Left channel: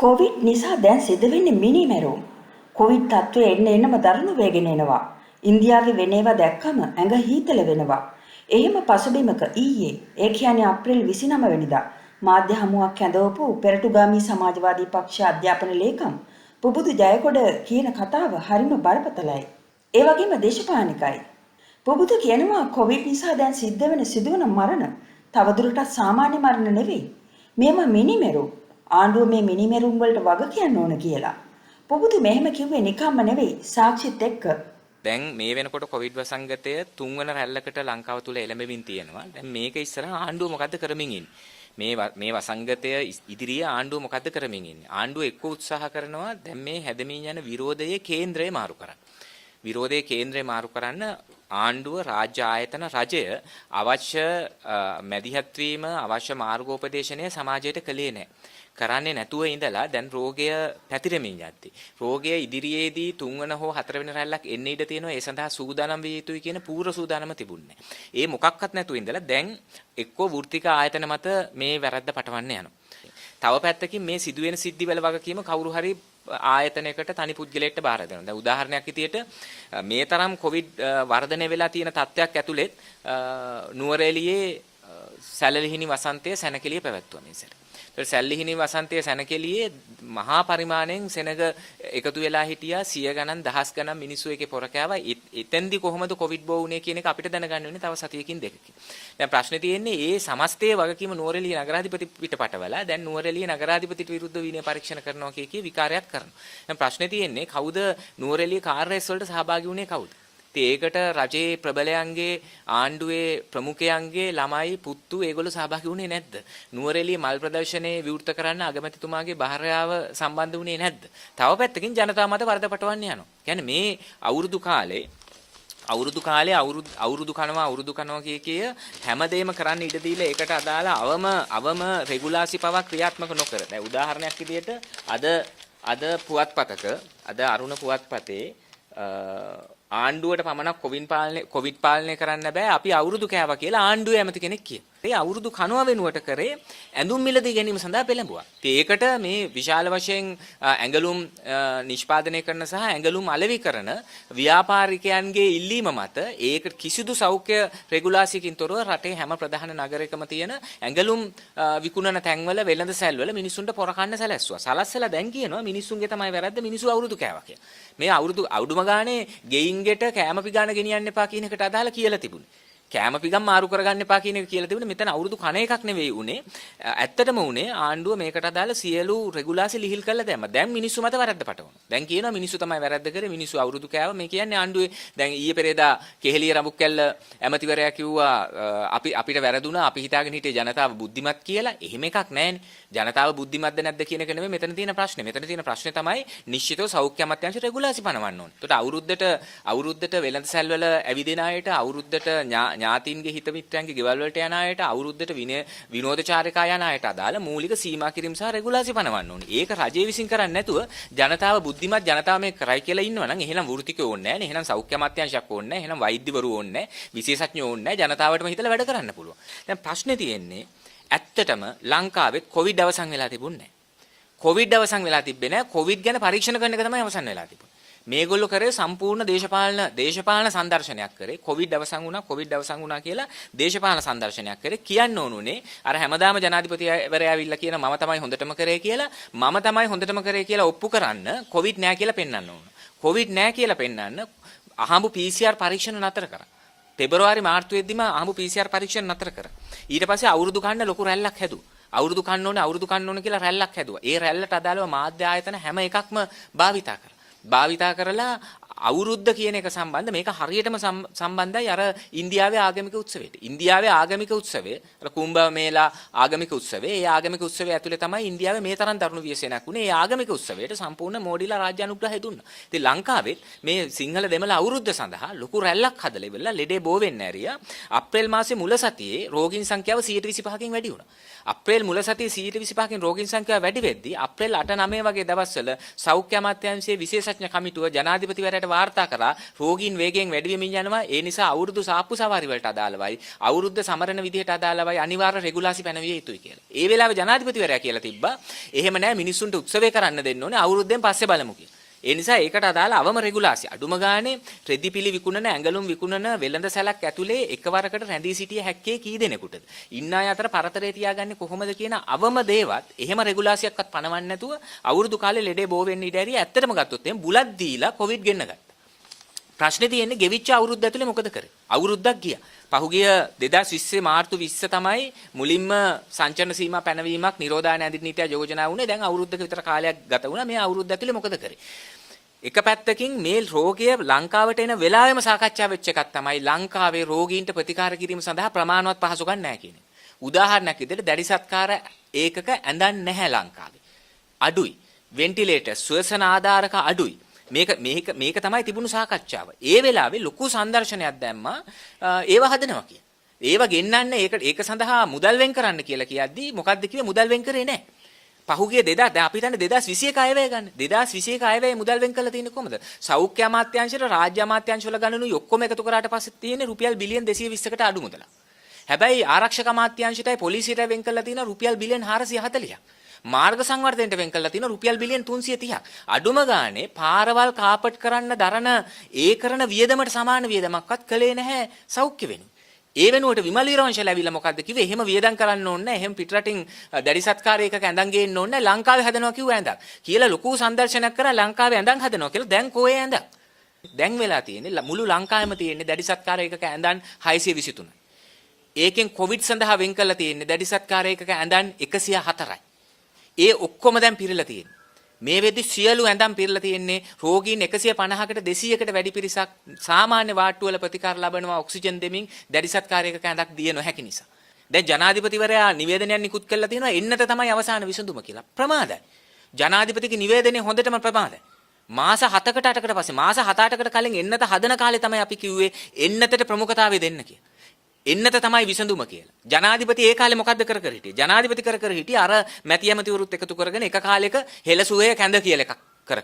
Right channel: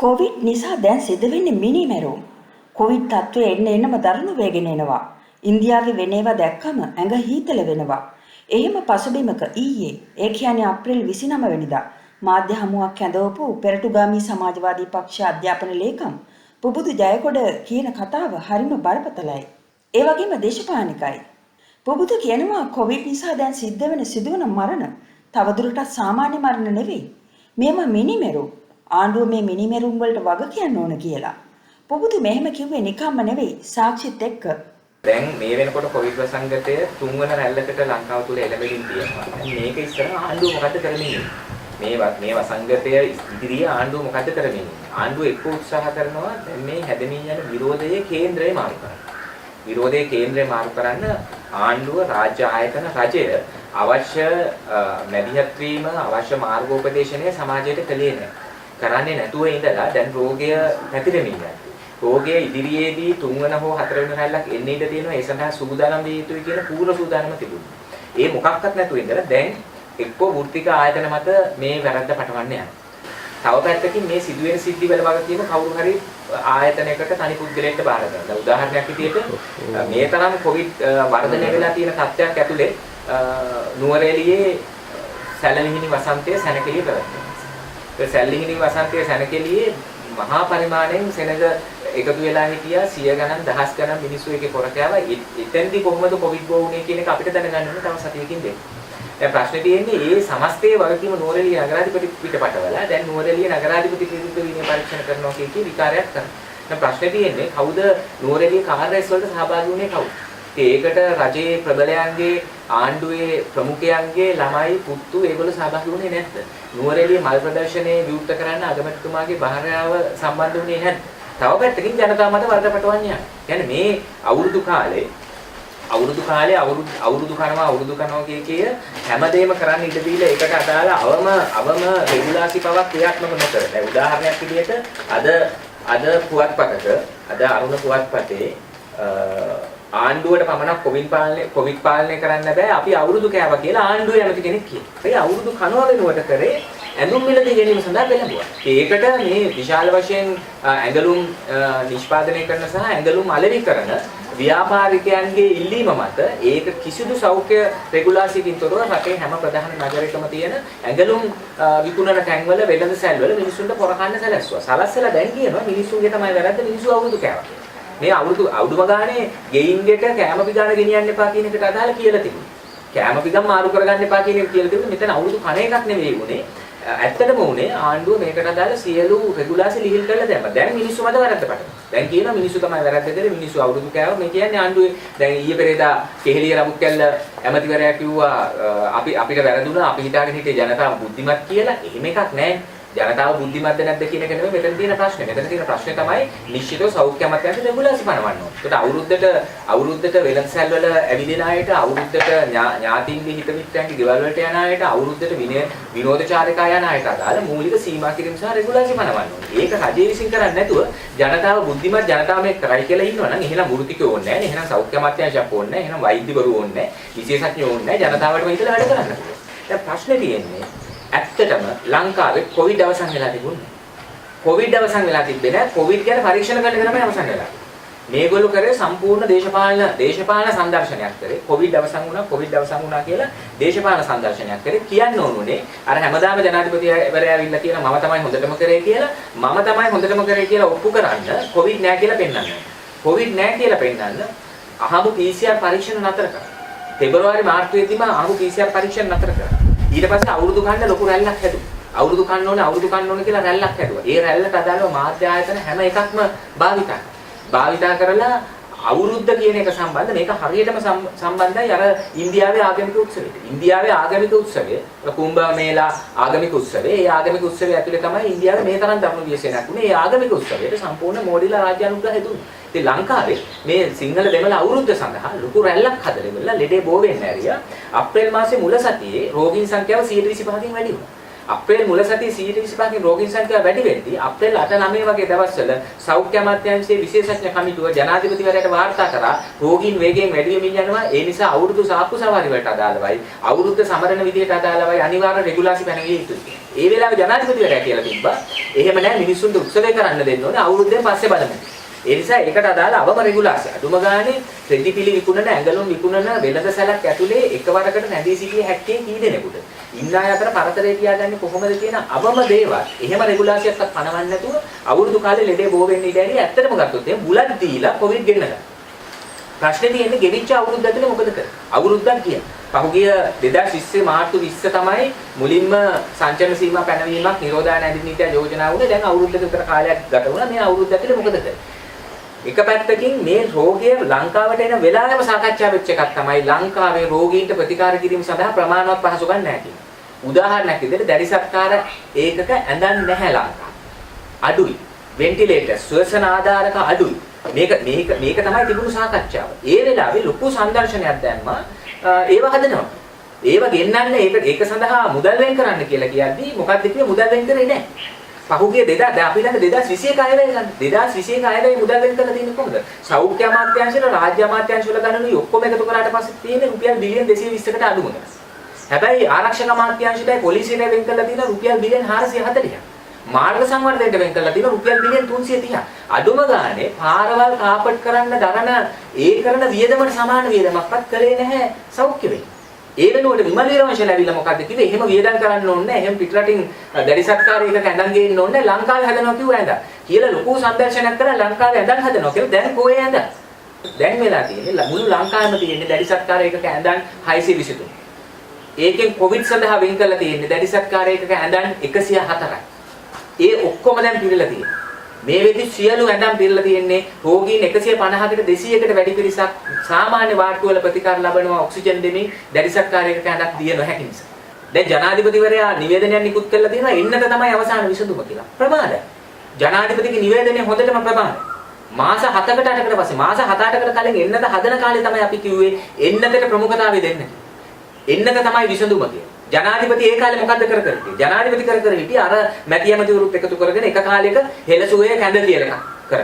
Covid නිසා දැන් සිද්ධ වෙන්නේ මිනිමෙරුම්. කොවිඩ් තත්ත්වය එන්නම දරුණු වේගෙන එනවා. ඉන්දියාවේ වෙන ඒවා දැක්කම ඇඟ හීතල වෙනවා. එහෙම පසුබිමක ඊයේ ඒ කියන්නේ අප්‍රේල් 29 වෙනිදා මාධ්‍ය හමුවක් ඇඳවපු පෙරටුගාමී සමාජවාදී පක්ෂ අධ්‍යාපන ලේකම් පුබුදු ජයකොඩ කියන කතාව හරිම බරපතලයි. ඒ වගේම දේශපාලනිකයි. පුබුදු කියනවා කොවිඩ් නිසා දැන් සිද්ධ වෙන සිදුවන මරණ තවදුරටත් සාමාන්‍ය මරණ නෙවෙයි. මේව මිනිමෙරුම්. ආණ්ඩුව මේ මිනිමෙරුම් වලට වග කියන්න ඕන කියලා. පුබුදු මෙහෙම කිව්වේ නිකම්ම නෙවෙයි සාක්ෂිත් එක්ක. දැන් මේ වෙනකොට කොවිඩ් ප්‍රසංගතය තුන්වන රැල්ලකට ලංකාව තුල එළඹෙමින් තියෙනවා. දැන් මේක ඉස්සරහ ආණ්ඩුව මොකද කරමින් ඉන්නේ? මේ වසංගතය ඉදිරියේ ආණ්ඩුව මොකද කරමින් ඉන්නේ? ආණ්ඩුව එක්ක උත්සාහ කරනවා දැන් මේ හැදෙමින් යන විරෝධයේ කේන්ද්‍රය මාරු කරන්න. විරෝධයේ කේන්ද්‍රය මාරු කරන්න ආණ්ඩුව රාජ්‍ය ආයතන රජය අවශ්‍ය මැදිහත් වීම අවශ්‍ය මාර්ගෝපදේශනය සමාජයට කළේ නැහැ. කරන්නේ නැතුව ඉඳලා දැන් රෝගය පැතිරෙමින් යනවා. රෝගයේ ඉදිරියේදී තුන්වන හෝ හතරවෙනි රැල්ලක් එන්න ඉඩ තියෙනවා. ඒ සඳහා සූදානම් විය යුතුයි කියන පූර්ව සූදානම තිබුණා. ඒ මොකක්වත් නැතුව ඉඳලා දැන් එක්කෝ වෘත්තික ආයතන මත මේ වැරද්ද පටවන්න යනවා. තව පැත්තකින් මේ සිදුවෙන සිද්ධිවල වගකීම කවුරු හරි ආයතනයකට තනි පුද්ගලයෙක්ට බාර කරනවා. උදාහරණයක් විදිහට මේ තරම් කොවිඩ් වර්ධනය වෙලා තියෙන තත්ත්වයක් ඇතුලේ නුවරඑළියේ සැලලිහිණි වසන්තයේ සැනකෙළිය පැවැත්වෙනවා. ඒ සැලලිහිණි වසන්තයේ සැනකෙළියේ මහා පරිමාණයෙන් සෙනග එකතු වෙලා හිටියා 100 ගණන් දහස් ගණන් මිනිස්සු එකේ පොර කෑවා. එතෙන්දී කොහොමද කොවිඩ් බෝවුනේ කියන එක අපිට දැනගන්න ඕනේ තව සතියකින් දෙන්න. දැන් ප්‍රශ්නේ තියෙන්නේ මේ සමස්තයේ වගකීම නුවරඑළිය නගරාධිපති පිටපටවලා දැන් නුවරඑළිය නගරාධිපති විරුද්ධ විනය පරීක්ෂණ කරනවා කියන විකාරයක් කරනවා. දැන් ප්‍රශ්නේ තියෙන්නේ කවුද නුවරඑළිය කාර්යස් වලට සහභාගී වුණේ කවුද? ඒකට රජයේ ප්‍රබලයන්ගේ ආණ්ඩුවේ ප්‍රමුඛයන්ගේ ළමයි පුතු ඒගොල්ලෝ සහභාගී වුණේ නැද්ද? නුවරඑළිය මල් ප්‍රදර්ශනයේ විවෘත කරන්න අගමැතිතුමාගේ භාර්යාව සම්බන්ධ වුණේ නැද්ද? තව පැත්තකින් ජනතාව මත වර්ධ පටවන්න යනවා. කියන්නේ මේ අවුරුදු කාලේ අවුරුදු කනවා කිය හැමදේම කරන්න ඉඩ දීලා ඒකට අදාළ අවම රෙගුලාසි පවක් ක්‍රියාත්මක නොකර. දැන් උදාහරණයක් විදිහට අද පුවත්පතක අරුණ පුවත්පතේ ආණ්ඩුවට පමණක් කොවිඩ් පාලනය කරන්න බෑ අපි අවුරුදු කෑවා කියලා ආණ්ඩුවේ ඇමති කෙනෙක් කියනවා. ඒ අවුරුදු කනවා වෙනුවට කරේ ඇඳුම් මිලදී ගැනීම සඳහා පෙළඹුවා. ඒකට මේ විශාල වශයෙන් ඇඟලුම් නිෂ්පාදනය කරන සහ ඇඟලුම් අලෙවි කරන ව්‍යාපාරිකයන්ගේ ඉල්ලීම මත ඒක කිසිදු සෞඛ්‍ය රෙගුලාසියකින් තොරව රටේ හැම ප්‍රධාන නගරයකම තියෙන ඇඟලුම් විකුණන තැන්වල වෙළඳ සැල්වල මිනිස්සුන්ට පොරකන්න සැලැස්සුවා. සලස්සලා දැන් කියනවා මිනිස්සුන්ගේ තමයි වැරද්ද මිනිස්සු අවුරුදු කෑවා කියලා. මේ අවුරුදු ගානේ ගෙයින්ගෙට කැම පිටාන ගෙනියන්න එපා කියන එකට අදාළ කියලා තිබුණා. කැම පිටම් මාරු කරගන්න එපා කියන එක කියලා තිබුණා. මෙතන අවුරුදු කණ එකක් නෙවෙයි උනේ. ඇත්තටම උනේ ආණ්ඩුව මේකට අදාළ සියලු රෙගුලාසි ලිහිල් කරලා දැම්මා. දැන් මිනිස්සු මත වැරද්ද පටවනවා. දැන් කියනවා මිනිස්සු තමයි වැරද්ද කරේ මිනිස්සු අවුරුදු කෑවා. මේ කියන්නේ ආණ්ඩුවේ දැන් ඊයේ පෙරේදා කෙහෙලිය රමුක්කැල්ල ඇමතිවරයා කිව්වා අපිට වැරදුනා අපි හිතාගෙන හිටියේ ජනතාව බුද්ධිමත් කියලා. එහෙම එකක් නැහැ. ජනතාව බුද්ධිමත්ද නැද්ද කියන එක නෙමෙයි මෙතන තියෙන ප්‍රශ්නේ. මෙතන තියෙන ප්‍රශ්නේ තමයි නිශ්චිතව සෞඛ්‍ය අමාත්‍යාංශ රෙගුලාසි පනවන්න ඕනේ. ඒකට අවුරුද්දට වෙළඳසැල් වල ඇවිදින අයට, අවුරුද්දට ඥාතීන්ගේ හිත මිත්‍රයන්ගේ ගෙවල් වලට යන අයට, අවුරුද්දට විනෝදචාරිකා යන අයට අදාළ මූලික සීමා කිරීම සහ රෙගුලාසි පනවන්න ඕනේ. ඒක රජය විසින් කරන්නේ නැතුව ජනතාව බුද්ධිමත් ජනතාව මේක කරයි කියලා ඉන්නවනම් එහෙනම් වෘත්තිකයෝ ඕනේ නැහැ. එහෙනම් සෞඛ්‍ය අමාත්‍යාංශයක් ඕනේ නැහැ. එහෙනම් වෛද්‍යවරු ඕනේ නැහැ. විශේෂඥයෝ ඕනේ නැහැ. ජනතාවට හිතලා වැඩ කරන්න. දැන් ප්‍රශ්නේ තියෙන්නේ ඇත්තටම ලංකාවේ කොවිඩ් අවසන් වෙලා තිබුණේ නැහැ. කොවිඩ් අවසන් වෙලා තිබ්බේ නැහැ. කොවිඩ් ගැන පරීක්ෂණ කරන එක තමයි අවසන් වෙලා. මේගොල්ලෝ කරේ සම්පූර්ණ දේශපාලන සංදර්ශනයක් කරේ. කොවිඩ් අවසන් වුණා කියලා දේශපාලන සංදර්ශනයක් කරේ. කියන්න ඕනුනේ අර හැමදාම ජනාධිපතිවරයා ඇවිල්ලා කියන මම තමයි හොඳටම කරේ කියලා ඔප්පු කරන්න කොවිඩ් නැහැ කියලා පෙන්නන්න. කොවිඩ් නැහැ කියලා පෙන්නන්න අහඹ PCR පරීක්ෂණ නතර කරා. පෙබරවාරි මාර්තුවේදීම අහඹ PCR පරීක්ෂණ නතර කරා. ඊට පස්සේ අවුරුදු ගන්න ලොකු රැල්ලක් හැදුවා. අවුරුදු කන්න ඕනේ කියලා රැල්ලක් හැදුවා. ඒ රැල්ලට අදාළව මාධ්‍ය ආයතන හැම එකක්ම භාවිතා කරලා අවුරුද්ද කියන එක සම්බන්ධ මේක හරියටම සම්බන්ධයි අර ඉන්දියාවේ ආගමික උත්සවයට. ඉන්දියාවේ ආගමික උත්සවය කුම්භ මේලා ආගමික උත්සවය. ඒ ආගමික උත්සවය ඇතුලේ තමයි ඉන්දියාවේ මේ තරම් දරුණු ව්‍යසනයක් වුණේ. ඒ ආගමික උත්සවයට සම්පූර්ණ මෝඩිලා රාජ්‍ය අනුග්‍රහය දුන්නා. ඉතින් ලංකාවේ මේ සිංහල දෙමළ අවුරුද්ද සඳහා ලොකු රැල්ලක් හදලා ලෙඩේ බෝ වෙන්න ඇරියා. අප්‍රේල් මාසේ මුල සතියේ රෝගීන් සංඛ්‍යාව 125කින් වැඩි වුණා. අප්‍රේල් මුල සතියේ 125කින් රෝගීන් සංඛ්‍යාව වැඩි වෙද්දී අප්‍රේල් 8-9 වගේ දවස්වල සෞඛ්‍ය අමාත්‍යාංශයේ විශේෂඥ කමිටුව ජනාධිපතිවරයාට වාර්තා කරා රෝගීන් වේගයෙන් වැඩි වෙමින් යනවා. ඒ නිසා අවුරුදු සාප්පු සවාරි වලට අදාළවයි අවුරුද්ද සමරන විදියට අදාළවයි අනිවාර්ය රෙගුලාසි පැනවිය යුතුයි. ඒ වෙලාවේ ජනාධිපතිවරයා කියලා තිබ්බා එහෙම නැහැ මිනිස්සුන්ට උත්සවය කරන්න දෙන්න ඕනේ අවුරුද්දෙන් පස්සේ බලමු. ඒ නිසා ඒකට අදාළ අවම රෙගුලාසිය. අදුම ගානේ රෙදිපිලි විකුණන ඇඟලුම් විකුණන වෙළඳ සැලක් ඇතුලේ එකවරකට නැදී සිටිය හැක්කේ කී දෙනෙකුට. ඉන්න අය අතර පරතරේ තියාගන්නේ කොහොමද කියන අවම දේවල්. එහෙම රෙගුලාසියක්වත් පනවන්න නැතුව අවුරුදු කාලේ ලෙඩේ බෝ වෙන්න ඉඩ ඇති ඇත්තටම ගත්තොත් එහෙම බුලත් දීලා කොවිඩ් ගෙන්නලා. ප්‍රශ්නේ තියෙන්නේ ගෙවිච්ච අවුරුද්ද ඇතුලේ මොකද කරන්නේ? අවුරුද්දක් ගියා. පහුගිය 2020 මාර්තු 20 තමයි මුලින්ම සංචලන සීමා පැනවීමක් නිරෝධායන අධිනීතිය යෝජනා වුණේ. දැන් අවුරුද්දක විතර කාලයක් ගත වුණා. මේ අවුරුද්ද ඇතුලේ මොකද කරන්නේ? එක පැත්තකින් මේ රෝගය ලංකාවට එන වෙලාවෙම සාකච්ඡා වෙච්ච එකක් තමයි ලංකාවේ රෝගීන්ට ප්‍රතිකාර කිරීම සඳහා ප්‍රමාණවත් පහසුකම් නැහැ කියන්නේ. උදාහරණයක් විදිහට දැඩි සත්කාර ඒකක ඇඳන් නැහැ ලංකාව. අඩුයි. වෙන්ටිලේටර් ශ්වසන ආධාරක අඩුයි. මේක තමයි තිබුණු සාකච්ඡාව. ඒ වෙලාවේ ලොකු සංදර්ශනයක් දැම්මා ඒව හදනවා. ඒව ගෙන්නන්නේ ඒක සඳහා මුදල් වෙන් කරන්න කියලා කියද්දි මොකක්ද කිව්වේ මුදල් වෙන් කරේ නැහැ. පහුගිය 2000 අපි ළඟ 2021 අයවැය ගන්න. 2021 අයවැය මුදල් වෙන් කරලා තියෙන්නේ කොහොමද? සෞඛ්‍ය අමාත්‍යාංශයට රාජ්‍ය අමාත්‍යාංශවල ගණනුයි ඔක්කොම එකතු කරාට පස්සේ තියෙන්නේ රුපියල් බිලියන් 220කට අඩු මුදල්. හැබැයි ආරක්ෂක අමාත්‍යාංශයටයි පොලිසියට වෙන් කරලා තියෙන රුපියල් බිලියන් 440ක්. මාර්ග සංවර්ධනයට වෙන් කරලා තියෙන රුපියල් බිලියන් 330ක්. අඩුම ගානේ පාරවල් කාපට් කරන්න දරන ඒ කරන වියදමට සමාන වියදමක්වත් කළේ නැහැ සෞඛ්‍ය වෙන්නේ. ඒ වෙනුවට විමල් වීරවංශලා ඇවිල්ලා මොකද්ද කිව්වේ? එහෙම වියදම් කරන්න ඕනේ නැහැ. එහෙම පිටරටින් දැඩි සත්කාරයක ඇඳන් ගේන්න ඕනේ නැහැ. ලංකාවේ හදනවා කිව්වා ඇඳ. කියලා ලොකු සංදර්ශනයක් කරලා ලංකාවේ ඇඳන් හදනවා කියලා. දැන් කොහේ ඇඳ? දැන් වෙලා තියෙන්නේ මුළු ලංකාවෙම තියෙන්නේ දැඩි සත්කාරයක ඇඳන් 623. ඒකෙන් කොවිඩ් සඳහා වෙන් කරලා තියෙන්නේ දැඩි සත්කාරයක ඇඳන් 104යි. ඒ ඔක්කොම දැන් පිළිලා තියෙනවා. මේ වෙද්දි සියලු ඇඳන් පිළිලා තියෙන්නේ රෝගීන් 150කට 200කට වැඩි පිරිසක් සාමාන්‍ය වාට්ටුවල ප්‍රතිකාර ලබනවා ඔක්සිජන් දෙමින් දැඩි සත්කාරයක ඇඳක් දිය නොහැකි නිසා. දැන් ජනාධිපතිවරයා නිවේදනයක් නිකුත් කළා තියෙනවා එන්නත තමයි අවසාන විසඳුම කියලා. ප්‍රමාදයි. ජනාධිපතිගේ නිවේදනය හොඳටම ප්‍රමාදයි. මාස 7කට 8කට පස්සේ මාස 7-8කට කලින් එන්නත හදන කාලේ තමයි අපි කිව්වේ එන්නතට ප්‍රමුඛතාවය දෙන්න කියලා. එන්නත තමයි විසඳුම කියලා. ජනාධිපති ඒ කාලේ මොකද්ද කර හිටියේ? ජනාධිපති කර හිටියේ අර මැති ඇමතිවරුත් එකතු කරගෙන එක කාලයක හෙළසුවේ කැඳ කියලා කර.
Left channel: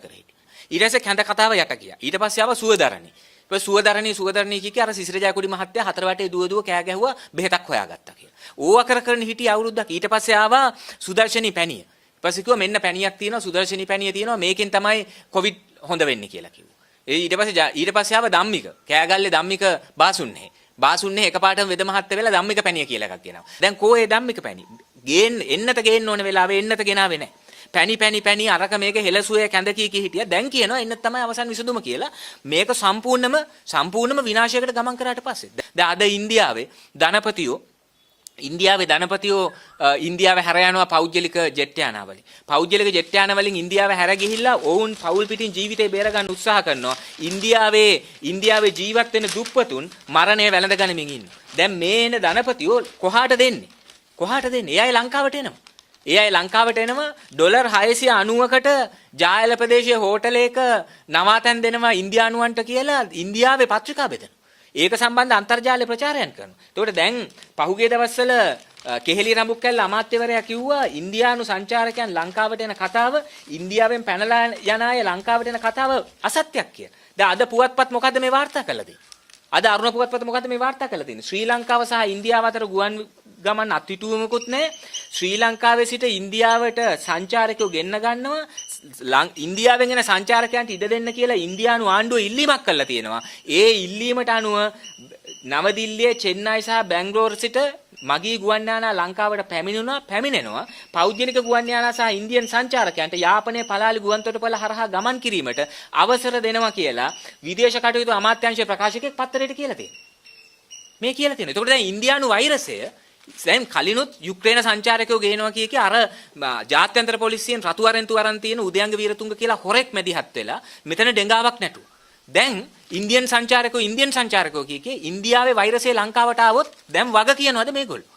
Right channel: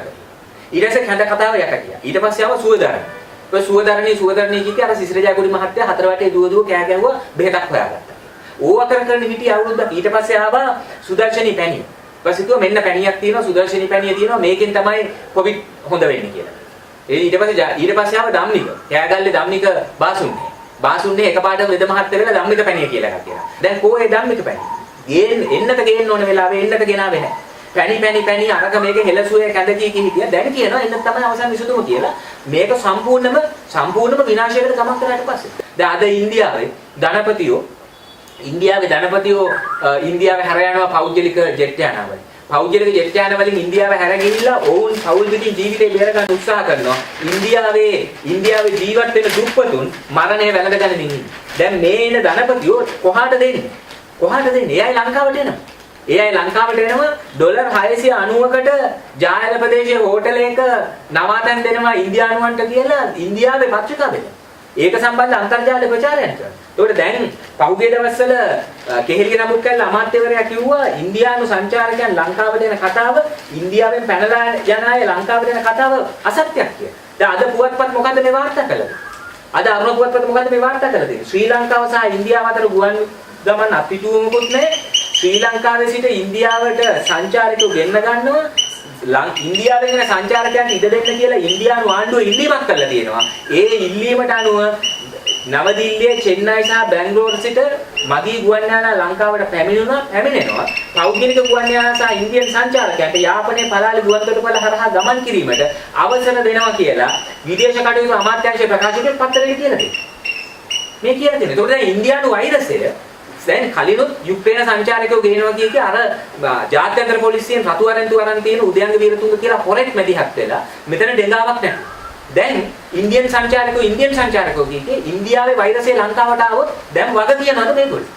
ඊට පස්සේ කැඳ කතාව යකටියා. ඊට පස්සේ ආව සුවදරණ. ඒ සුවදරණේ කිව්වේ අර සිසිර ජයගුඩි මහත්තයා හතර වටේ දුව කෑ ගැහුවා බෙහෙතක් හොයාගත්තා. ඕවා කරගෙන හිටියේ අවුරුද්දක්. ඊට පස්සේ ආවා සුදර්ශනී පැණිය. ඊපස්සේ කිව්වා මෙන්න පැණියක් තියෙනවා සුදර්ශනී පැණිය තියෙනවා මේකෙන් තමයි කොවිඩ් හොඳ වෙන්නේ කියලා. ඊට පස්සේ ආව ධම්මික. කෑගල්ලේ ධම්මික බාසුන්නේ. බාසුන්නේ එකපාරට වෙද මහත්තයා වෙලා ධම්මික පැණිය කියලා එකක් කියනවා. දැන් කොහේ ධම්මික පැණිය? එන්නත ගේන්න ඕන වෙලාවෙ එන්නත ගෙනාවේ නැහැ. පැණි අරක මේක හෙළසුවේ කැඳ කී හිටියා. දැන් කියනවා එන්නත තමයි අවසන් විසඳුම කියලා. මේක සම්පූර්ණම විනාශයකට ගමන් කරාට පස්සේ. දැන් අද ඉන්දියාවේ ධනපතියෝ ඉන්දියාවේ හැර යනවා පෞද්ගලික ජෙට් යානවලින්. පෞද්ගලික ජෙට් යාන වලින් ඉන්දියාව හැර ගිහිල්ලා ඔවුන් පෞල් පිටින් ජීවිතේ බේර ගන්න උත්සාහ කරනවා. ඉන්දියාවේ ජීවත් වෙන දුප්පතුන් මරණය වැළඳ ගනිමින් ඉන්නේ. දැන් මේන ධනපතියෝ කොහාට දෙන්නේ? එයයි ලංකාවට එනවා. ඩොලර් 690කට ජායල ප්‍රදේශයේ හෝටලයක නවාතැන් දෙනවා ඉන්දියානුවන්ට කියලා ඉන්දියාවේ පත්‍රිකා බෙදලා. ඒක සම්බන්ධ අන්තර්ජාල ප්‍රචාරයක් කරනවා. ඒකට දැන් පහුගිය දවස්වල කෙහෙලි රඹුක්කල් අමාත්‍යවරයා කිව්වා ඉන්දියානු සංචාරකයන් ලංකාවට එන කතාව ඉන්දියාවෙන් පැනලා යන අය ලංකාවට එන කතාව අසත්‍යයක් කියලා. දැන් අද පුවත්පත් මොකද්ද මේ වාර්තා කළේ? අද අරුණ පුවත්පත් මොකද්ද මේ වාර්තා කළේ තියෙන්නේ? ශ්‍රී ලංකාව සහ ඉන්දියාව අතර ගුවන් ගමන් අත්විඳුවමුකුත් නැහැ. ශ්‍රී ලංකාවේ සිට ඉන්දියාවට සංචාරකයෝ ගෙන්න ගන්නවා. ඉන්දියාවෙන් එන සංචාරකයන්ට ඉඩ දෙන්න කියලා ඉන්දියානු ආණ්ඩුව ඉල්ලීමක් කළා තියෙනවා. ඒ ඉල්ලීමට අනුව නවදිල්ලියේ චෙන්නයි සහ බැංගලෝර සිට මගී ගුවන් යානා ලංකාවට පැමිණෙනවා. පෞද්ගලික ගුවන් යානා සහ ඉන්දියන් සංචාරකයන්ට යාපනයේ පළාලි ගුවන්තොටුපළ හරහා ගමන් කිරීමට අවසර දෙනවා කියලා විදේශ කටයුතු අමාත්‍යාංශය ප්‍රකාශකෙන් පත්තරයක කියලා තියෙනවා. මේ කියලා තියෙනවා. ඒකට දැන් ඉන්දියානු වෛරසය දැන් කලිනුත් යුක්රේන සංචාරකයෝ ගෙනවා කිය අර ජාත්‍යන්තර පොලිසියෙන් රතු අරන්තු අරන් තියෙන උදයන්ග වීරතුංග කියලා හොරෙක් මැදිහත් වෙලා මෙතන ඩෙඟාවක් නැහැ. දැන් ඉන්දියන් සංචාරකයෝ කියේ ඉන්දියාවේ වෛරසය ලංකාවට ආවොත් දැන් වග කියනවාද මේගොල්ලෝ?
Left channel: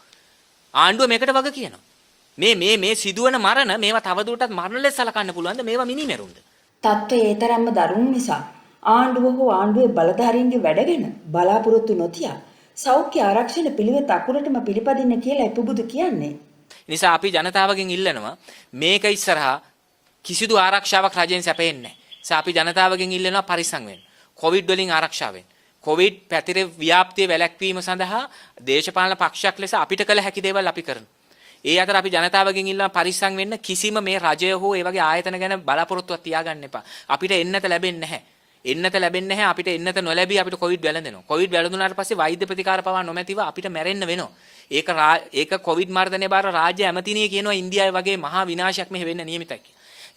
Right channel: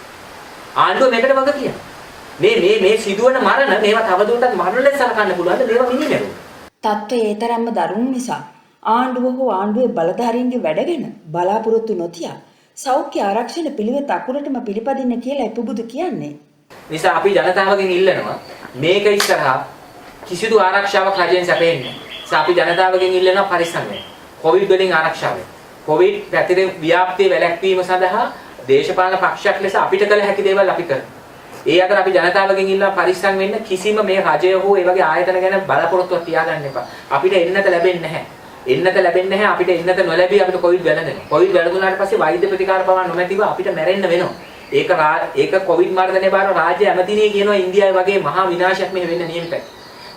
ආණ්ඩුව මේකට වග කියනවා. මේ සිදුවන මරණ මේවා තවදුරටත් මරණ ලෙස සලකන්න පුළුවන්ද? මේවා මිනිනෙරු. තත්ත්වය ඒ තරම්ම දරුණු නිසා ආණ්ඩුව හෝ ආණ්ඩුවේ බලධාරීන්ගේ වැඩගෙන බලාපොරොත්තු නොතියා සෞඛ්‍ය ආරක්ෂණ පිළිවෙත අකුරටම පිළිපදින්න කියලා එපුබුදු කියන්නේ. නිසා අපි ජනතාවගෙන් ඉල්ලනවා මේක ඉස්සරහා කිසිදු ආරක්ෂාවක් රජයෙන් සැපෙන්නේ නැහැ. නිසා අපි ජනතාවගෙන් ඉල්ලනවා පරිස්සම් වෙන්න. කොවිඩ් වලින් ආරක්ෂා වෙන්න. කොවිඩ් පැතිරෙන ව්‍යාප්තිය වැළැක්වීම සඳහා දේශපාලන පක්ෂයක් ලෙස අපිට කළ හැකි දේවල් අපි කරනවා. ඒ අතර අපි ජනතාවගෙන් ඉල්ලනවා පරිස්සම් වෙන්න. කිසිම මේ රජය හෝ ඒ වගේ ආයතන ගැන බලාපොරොත්තුවක් තියාගන්න එපා. අපිට එන්නත ලැබෙන්නේ නැහැ. එන්නත ලැබෙන්නේ නැහැ. අපිට එන්නත නොලැබී අපිට කොවිඩ් වැළඳෙනවා. කොවිඩ් වැළඳුනාට පස්සේ වෛද්‍ය ප්‍රතිකාර පවා නොමැතිව අපිට මැරෙන්න වෙනවා. ඒක කොවිඩ් මර්ධනයේ බාර රාජ්‍ය ඇමතිනිය කියනවා ඉන්දියාවේ වගේ මහා විනාශයක් මේ වෙන්න නියමිතයි.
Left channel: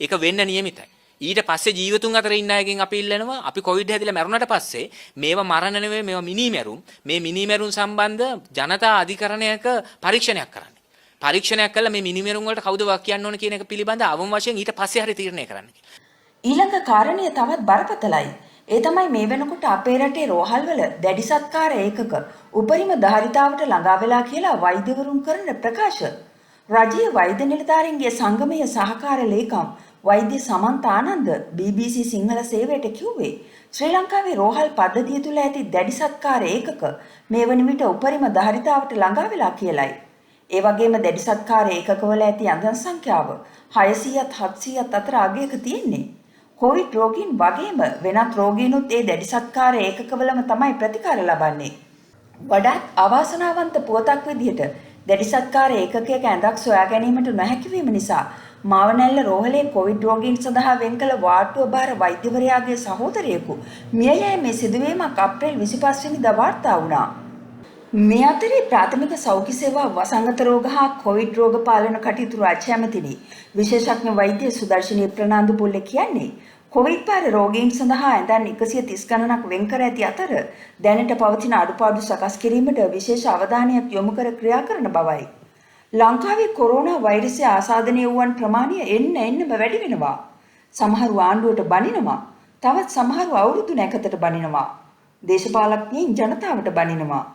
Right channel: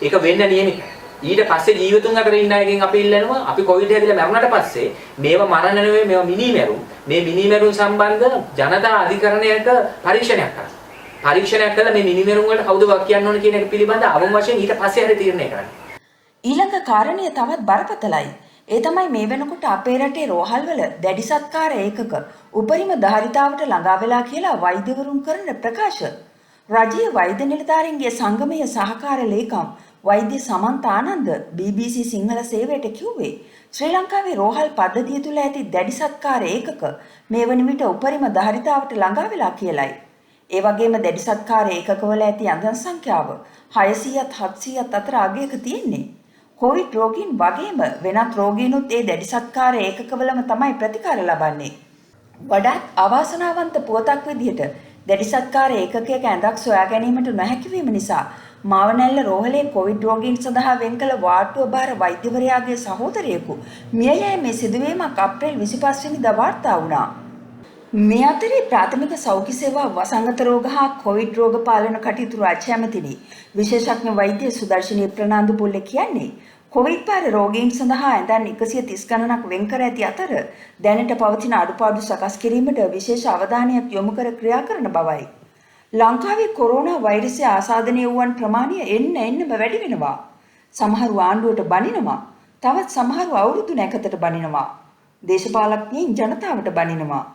ඒක වෙන්න නියමිතයි. ඊට පස්සේ ජීවිතුන් අතර ඉන්න අයගෙන් අපි ඉල්ලනවා අපි කොවිඩ් හැදිලා මැරුණාට පස්සේ මේව මරණ නෙවෙයි මේව මිනිමැරුම්. මේ මිනිමැරුම් සම්බන්ධ ජනතා අධිකරණයක පරීක්ෂණයක් කරන්න. පරීක්ෂණයක් කළා මේ මිනිමැරුම් වලට කවුද වක් කියන්න ඕන කියන එක පිළිබඳ අවම වශයෙන් ඊට පස්සේ හරි තීරණය කරන්න. ඊළඟ කාරණය තවත් බරපතලයි. ඒ තමයි මේ වෙනකොට අපේ රටේ රෝහල්වල දැඩි සත්කාර ඒකක උපරිම ධාරිතාවට ළඟා වෙලා කියලා වෛද්‍යවරුන් කරන ප්‍රකාශ. රජීය වෛද්‍ය නිලධාරීන්ගේ සංගමයේ සහකාර ලේකම් වෛද්‍ය සමන්ත ආනන්ද BBC සිංහල සේවයට කිව්වේ ශ්‍රී ලංකාවේ රෝහල් පද්ධතිය තුල ඇති දැඩි සත්කාර ඒකක මේ වන විට උපරිම ධාරිතාවට ළඟා වෙලා කියලයි. ඒ වගේම දැඩි සත්කාර ඒකකවල ඇති අංගන් සංඛ්‍යාව 600ත් 700ත් අතර අගයක තියෙන්නේ. කොවිඩ් රෝගීන් වගේම වෙනත් රෝගීනුත් ඒ දැඩි සත්කාර ඒකකවලම තමයි ප්‍රතිකාර ලබන්නේ. වඩාත් අවාසනාවන්ත පුවතක් විදිහට දැඩි සත්කාර ඒකකයක ඇඳක් සොයා ගැනීමට නොහැකි වීම නිසා මාවනැල්ල රෝහලේ කොවිඩ් රෝගීන් සඳහා වෙන් කළ වාට්ටුව බාර වෛද්‍යවරයාගේ සහෝදරයෙකු මිය යෑමේ සිදුවීමක් අප්‍රේල් 25 වෙනිදා වාර්තා වුණා. මේ අතරේ ප්‍රාථමික සෞඛ්‍ය සේවා වසංගත රෝග හා කොවිඩ් රෝග පාලන කටයුතු රාජ්‍ය ඇමතිනි විශේෂඥ වෛද්‍ය සුදර්ශනී ප්‍රනාන්දු පුල්ල කියන්නේ කොවිඩ් පාර රෝගීන් සඳහා ඇඳන් 130 ගණනක් වෙන් කර ඇති අතර දැනට පවතින අඩුපාඩු සකස් කිරීමට විශේෂ අවධානයක් යොමු කර ක්‍රියා කරන බවයි. ලංකාවේ කොරෝනා වෛරසය ආසාදනය වූවන් ප්‍රමාණය එන්නම වැඩි වෙනවා. සමහරු ආණ්ඩුවට බනිනවා. තවත් සමහරු අවුරුදු නැකතට බනිනවා. දේශපාලඥයින් ජනතාවට බනිනවා.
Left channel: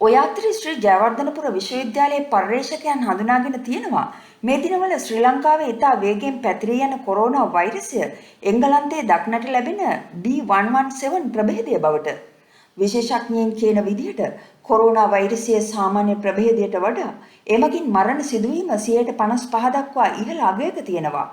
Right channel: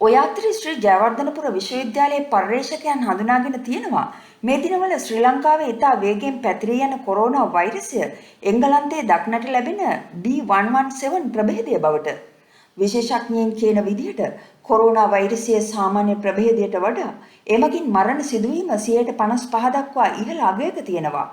ඔය අතරේ ශ්‍රී ජයවර්ධනපුර විශ්වවිද්‍යාලයේ පර්යේෂකයන් හඳුනාගෙන තියෙනවා මේ දිනවල ශ්‍රී ලංකාවේ ඉතා වේගයෙන් පැතිරී යන කොරෝනා වෛරසය එංගලන්තයේ දක්නට ලැබෙන B117 ප්‍රභේදය බවට. විශේෂඥයින් කියන විදිහට කොරෝනා වෛරසයේ සාමාන්‍ය ප්‍රභේදයට වඩා එමගින් මරණ සිදුවීම 55% දක්වා ඉහළ අගයක තියෙනවා.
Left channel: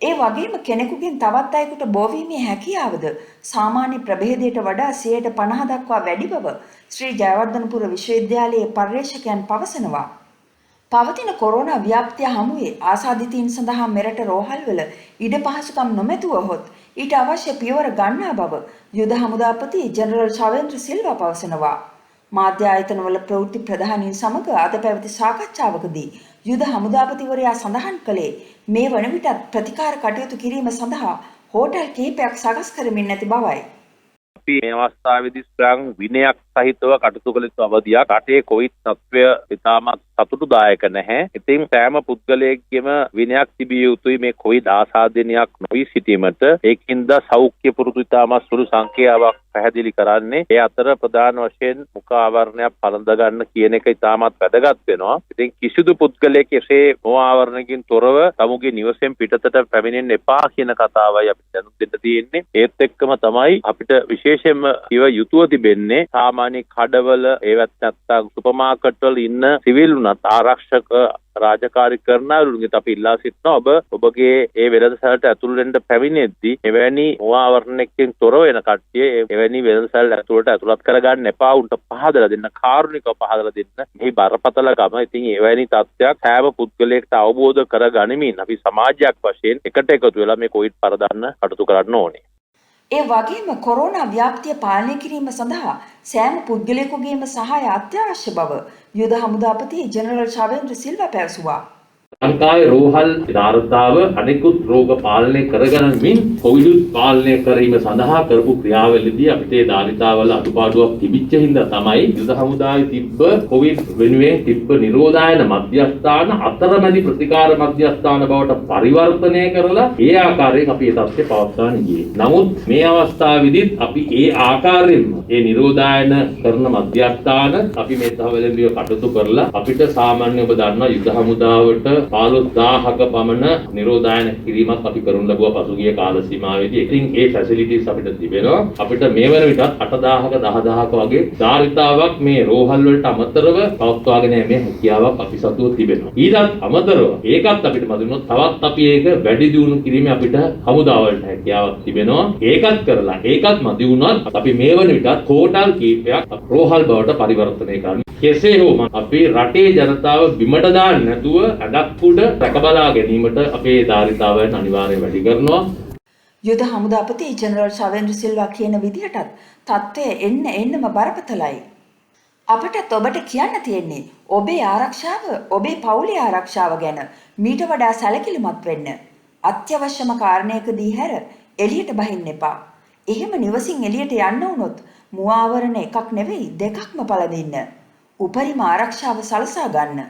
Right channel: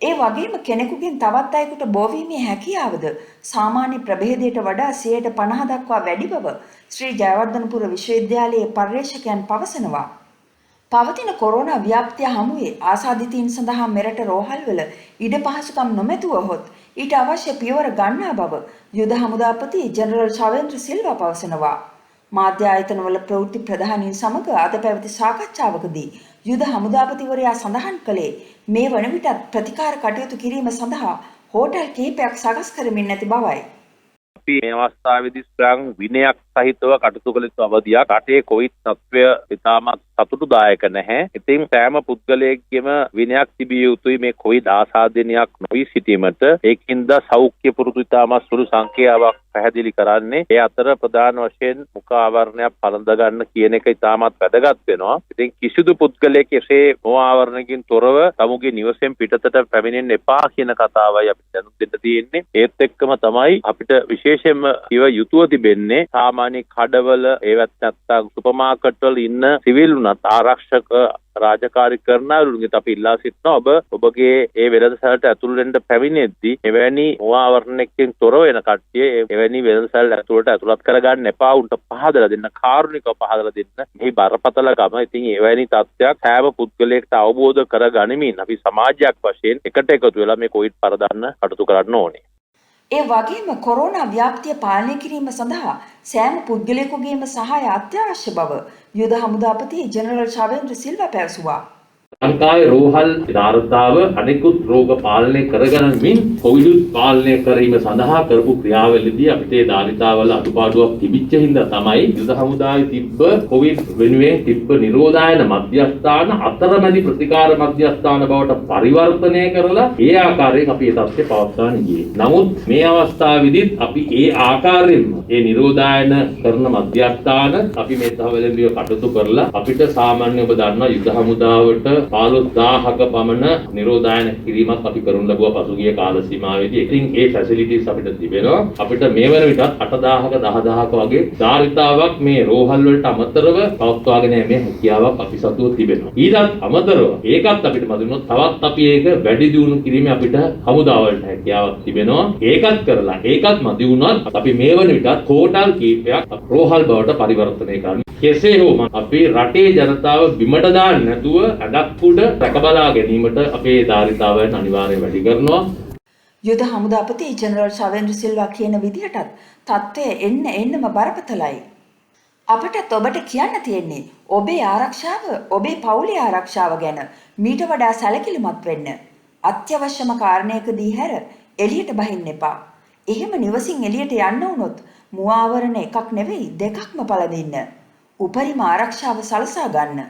ඒ වගේම කෙනෙකුගෙන් තවත් අයෙකුට බෝවීමේ හැකියාවද සාමාන්‍ය ප්‍රභේදයට වඩා 50% දක්වා වැඩි බව ශ්‍රී ජයවර්ධනපුර විශ්වවිද්‍යාලයේ පර්යේෂකයන් පවසනවා. පවතින කොරෝනා ව්‍යාප්තිය හමුවේ ආසාදිතයින් සඳහා මෙරට රෝහල්වල ඉඩ පහසුකම් නොමැතුව හොත් ඊට අවශ්‍ය පියවර ගන්නා බව යුද හමුදාපති ජෙනරල් ශවේන්ද්‍ර සිල්වා පවසනවා. මාධ්‍ය ආයතනවල ප්‍රවෘත්ති ප්‍රධානීන් සමග අද පැවති සාකච්ඡාවකදී යුද හමුදාපතිවරයා සඳහන් කළේ මේ වන විටත් ප්‍රතිකාර කටයුතු කිරීම සඳහා හෝටල් කිහිපයක් සකස් කරමින් නැති බවයි. අපි මේ අවස්ථාවේදී ස්ත්‍රාංග විනයක් සහිතව කටයුතු කළ යුතු අවධියක්. රටේ කොවිඩ් තත්ත්වය ඉතාමත් සතුටුදායක නැහැ. ඉතින් සෑම පුද්ගලයෙක්ගේම විනයක් තිබිය යුතුයි මේ කොවිඩ් ආසාදනයක් නොවී සිටීමට. ඒකින්ද සෞඛ්‍ය පුරුදු ඉතාමත් සුළු සංඛ්‍යාවක් පැහැදිලි කරන්නේ. ඒ අතර ප්‍රධාන වශයෙන් මුඛ ආවරණයක් පළඳ ගන්න කියන එක ඉතාමත් වැදගත් වෙනවා. ඉතින් කිසිදු පුද්ගලයෙක් එසේ මුඛ ආවරණකින් තොරව තමුගේ නිවසෙන් පිටතට පැමිණෙන්න එපා කියන කතාවයි අපිට දැනුම් දෙන්න තියෙන්නේ. ඒත් එක්කම තමයි අපිට විශේෂයෙන්ම ඉව යුතුව තිබෙන්නේ සාමාන්‍ය කඩවල ඒවත් නැත්නම් සුපර් මාකට් වල ඉන්න සිවිල් උනත් ආරක්ෂක රාජකාරී කරනවලුන්ගේ අපි ඉල්ලා සිටිනවා ඔබගේ ඒ වෙළඳසැලට ඇතුළු වෙන්න පැමිණෙද්දී එවැනි මුවාවරණයකින් තොර වෙන කට්ටිය එවැනි වෙළඳසැල ඇතුළට ඇතුළත් කරගන්න එපා උන්ට පහදලා දෙන්න කාරුණිකව පහදලා දෙන්න මේ බරපතලකම. ඉතින් එවැනි තත්ත්වයක් හැම පුද්ගලයෙක්ට අවබෝධ කරගනිමින් අපි සමාජයක් වශයෙන් එකට එකතු වෙලා මේ කොවිඩ් පරදන්න කටයුතු කරන්න ඕනේ. ඒ වගේම කොරෝනා ව්‍යාප්තිය පාලනය කිරීම සඳහා සෑම පුද්ගලයෙකුගේම සහාය අත්‍යවශ්‍ය බව යුද හමුදාපති ජෙනරල් ශවේන්ද්‍ර සිල්වා පැවසුවා. ලංකාවේ රෝහල් ධාරතාව අනෙකුත් රෝග පාලනය කරගැනීමෙන් කොවිඩ් පාලනය කිරීම සඳහා කරපු ක්‍රියාවලියදී අපිට ඒ ධාරිතාවල අඩුපාඩුවක් තිබිච්ච හින්දා තමයි යුද හමුදාවේ තිබ්බ කොවිඩ් වෙනුවෙන් තිබ්බ නිරෝධායන මධ්‍යස්ථාන අතරමැදි ප්‍රතිකාර මධ්‍යස්ථාන බවට පරිවර්තනය කරලා ඒ ආකාරයෙන් අපි ඒ තත්ත්වය පවත්වාගෙන ගියේ. නමුත් මේ අවස්ථාවේදීත් අපි ඒ ආකාරයෙන්ම ඒ නිරෝධායන කරන මධ්‍යස්ථාන අපි මේ තහවලදී කටයුතු කරලා අපිට සාමාන්‍ය ඔබ දන්නා යුද හමුදාවට 15000ක පමණ නිරෝධායන කිරීමක් අපි කරනු ලැබුවා පසුගිය කාල සීමාවෙදී. ඉතින් ඒ ෆැසිලිටිස් අපිට තිබෙනවා. අපිට මේ වන විටත් 8000ක 10000ක වගේ ධාරිතාවක් මේ රෝහල් වලට අමතරව පවත්වාගෙන යෑමේ හැකියාවක් අපි සතුව තිබෙනවා. ඊටත් අමතරව ඒකත් අපිට මදිනොත් තවත් අපි ඒක වැඩි දියුණු කිරීමේ අපිට හමුදාවලට හැකියාවක් තිබෙනවා. ඒකත් කරලා ඒකත් මදි වුණත් අපි මේ වන විටත් හෝටල් කීපයක් රෝහල් බවට පරිවර්තනය කරනවා. කෙසේ හෝ අපි රටේ ජනතාව බිමට දාන්නේ නැතුව අඩක් උඩ රැකබලා ගැනීමට අපේ ධාරිතාවයන් අනිවාර්යයෙන් වැඩි කරනවා. යුද හමුදාපති ජෙනරල් ශවේන්ද්‍ර සිල්වා කියන විදිහටත් තත්ත්වය එන්නම බරපතලයි. අපටත් ඔබට කියන්න තියෙන්නේ ඔබේ ආරක්ෂාව, ඔබේ පවුලේ ආරක්ෂාව ගැන මීට වඩා සැලකිලිමත් වෙන්න. අත්‍යවශ්‍යම කාරණයකදී හැර එළියට බහින්න එපා. එහෙම නිවසින් එළියට යන්න වුණොත් මුවාවරණ එකක් නෙවෙයි දෙකක්ම පළදින්න. උපරිම ආරක්ෂාව සලසා ගන්න.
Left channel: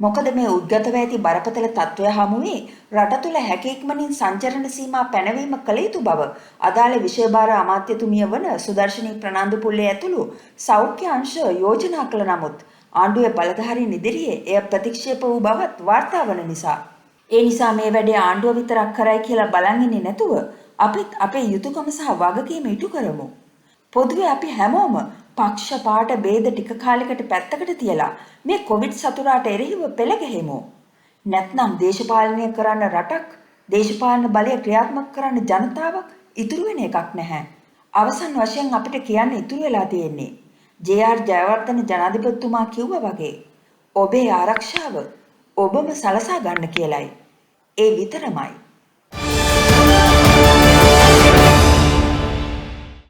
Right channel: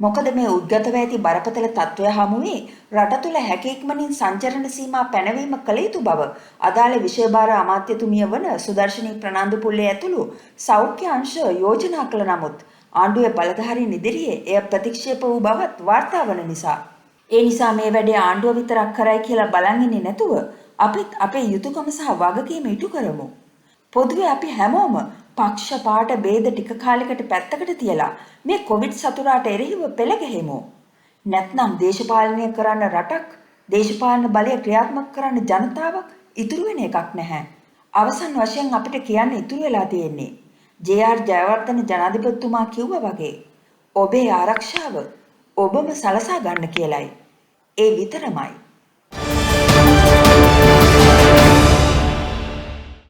මොකද මේ උද්ගතව ඇති බරපතල තත්ත්වය හමුවේ රට තුළ හැකි ඉක්මනින් සංචරණ සීමා පැනවීම කළ යුතු බව අදාළ විෂයභාර අමාත්‍යතුමිය වන සුදර්ශනී ප්‍රනාන්දුපුල්ලේ ඇතුළු සෞඛ්‍ය අංශ යෝජනා කළ නමුත් ආණ්ඩුවේ බලධාරීන් ඉදිරියේ එය ප්‍රතික්ෂේප වූ බවත් වාර්තා වන නිසා. ඒ නිසා මේ වැඩේ ආණ්ඩුව විතරක් කරයි කියලා බලන් ඉන්නේ නැතුව අපිත් අපේ යුතුයකම සහ වගකීම ඉටු කරමු. පොදුවේ අපි හැමෝම පක්ෂ පාට ભેද ටික කාලයකට පැත්තකට තියලා මේ කොවිඩ් සතුරාට එරෙහිව පෙළ ගැහෙමු. නැත්නම් දේශපාලනය කරන්න රටක්, දේශපාලන බලය ක්‍රියාත්මක කරන්න ජනතාවක් ඉතුරු වෙන එකක් නැහැ. අවසන් වශයෙන් අපිට කියන්න ඉතුරු වෙලා තියෙන්නේ ජේ.ආර්. ජයවර්ධන ජනාධිපතිතුමා කිව්වා වගේ ඔබේ ආරක්ෂාව ඔබම සලසා ගන්න කියලයි. ඒ විතරමයි.